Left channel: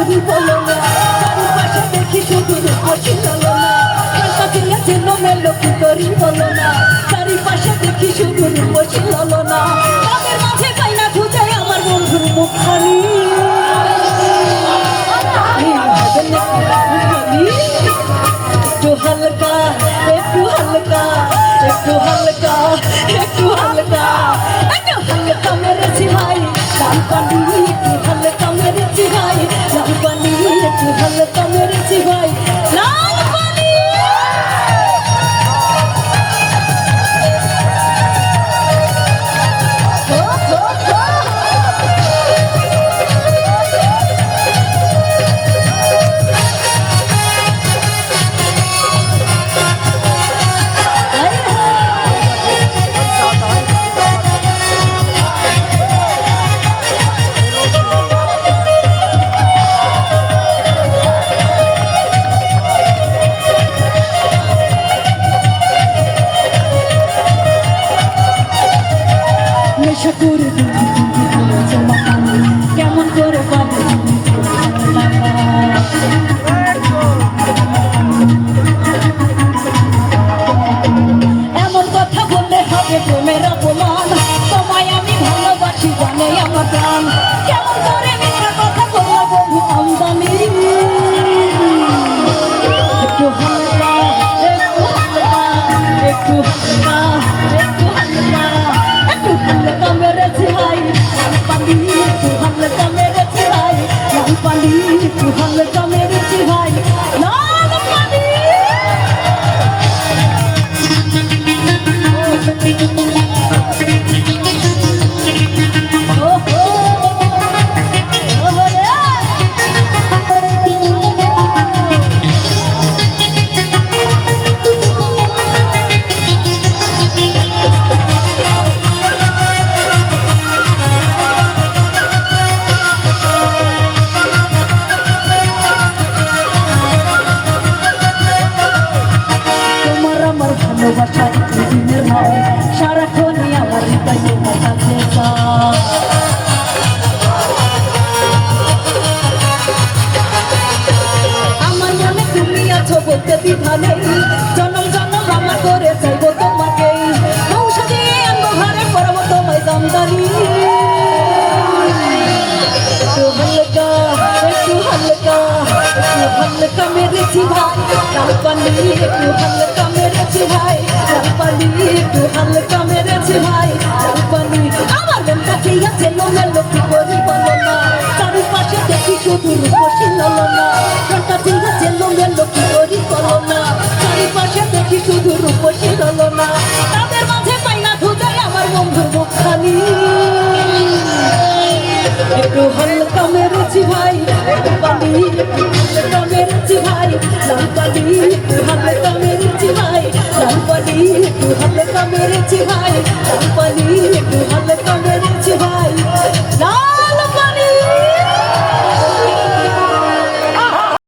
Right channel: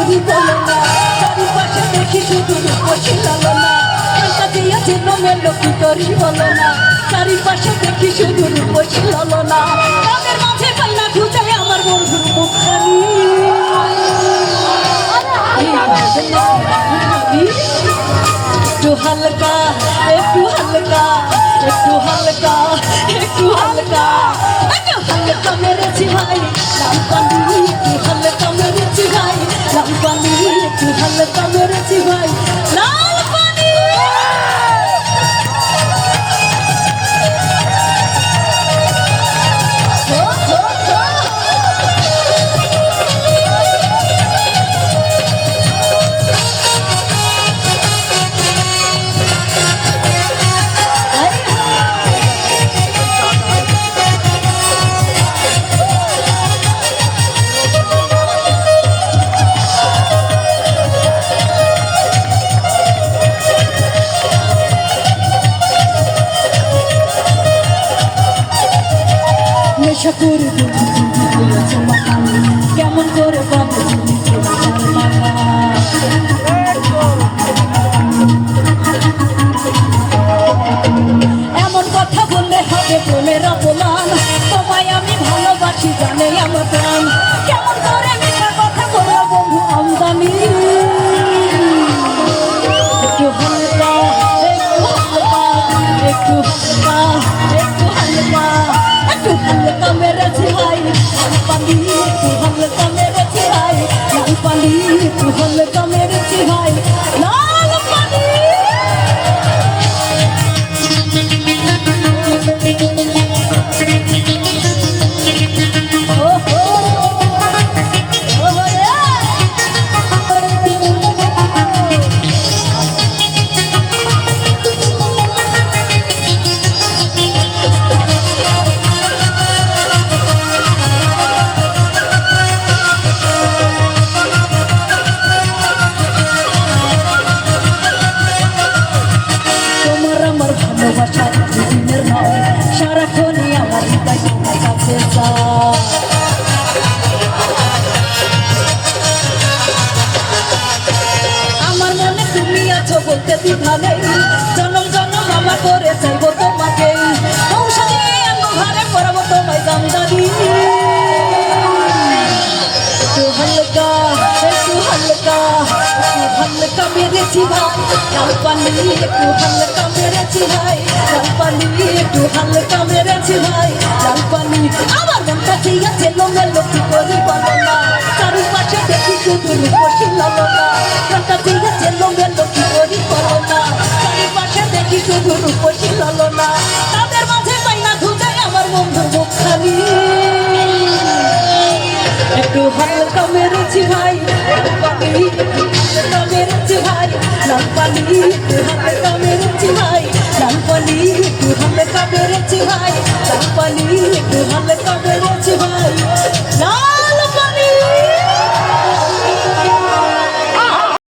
করি বলো না। চারিপাশে দেখি শুধু রূপসী ললনা কাছে আছে নোমেলো কি করি বলো না। চারিপাশে দেখি শুধু রূপসী ললনা আমার বন্ধুর হালকা, একটু হালকা একটু হালকা একটু হালকা। একটু হালকা মেরেছি ভাই একটু হালকা মেরেছি ভাই। লাল এমন কথা বললে হবে প্রেমের অপমান। তোমায় আমি ভালোবাসি, জানে আমার কথা বলল আমদানি একটু হালকা একটু হালকা একটু হালকা। মেরেছি ভাই আমার ভালোবাসা দিনের হয় সারাক্ষণই আমার হৃদয় তোমার কাছে চায় আমার মনে তুমি আছো বলতে দ্বিধা মেরেছি ভাই। লাল পানি একটু হালকা মেরেছি ভাই। লাল পানি একটু হালকা মেরেছি ভাই। লাল পানি আমার মন কাছে আছে লোমেলো কি করি বলো না চারিপাশে দেখি শুধু রূপসী ললনা মন কাছে আছে লোমেলো কি করি বলো না চারিপাশে দেখি শুধু রূপসী ললনা তাদের মাঝে পাই না আমার বন্ধু মুখখানি একটু হালকা মেরেছি ভাই একটু হালকা মেরেছি ভাই। লাল পানি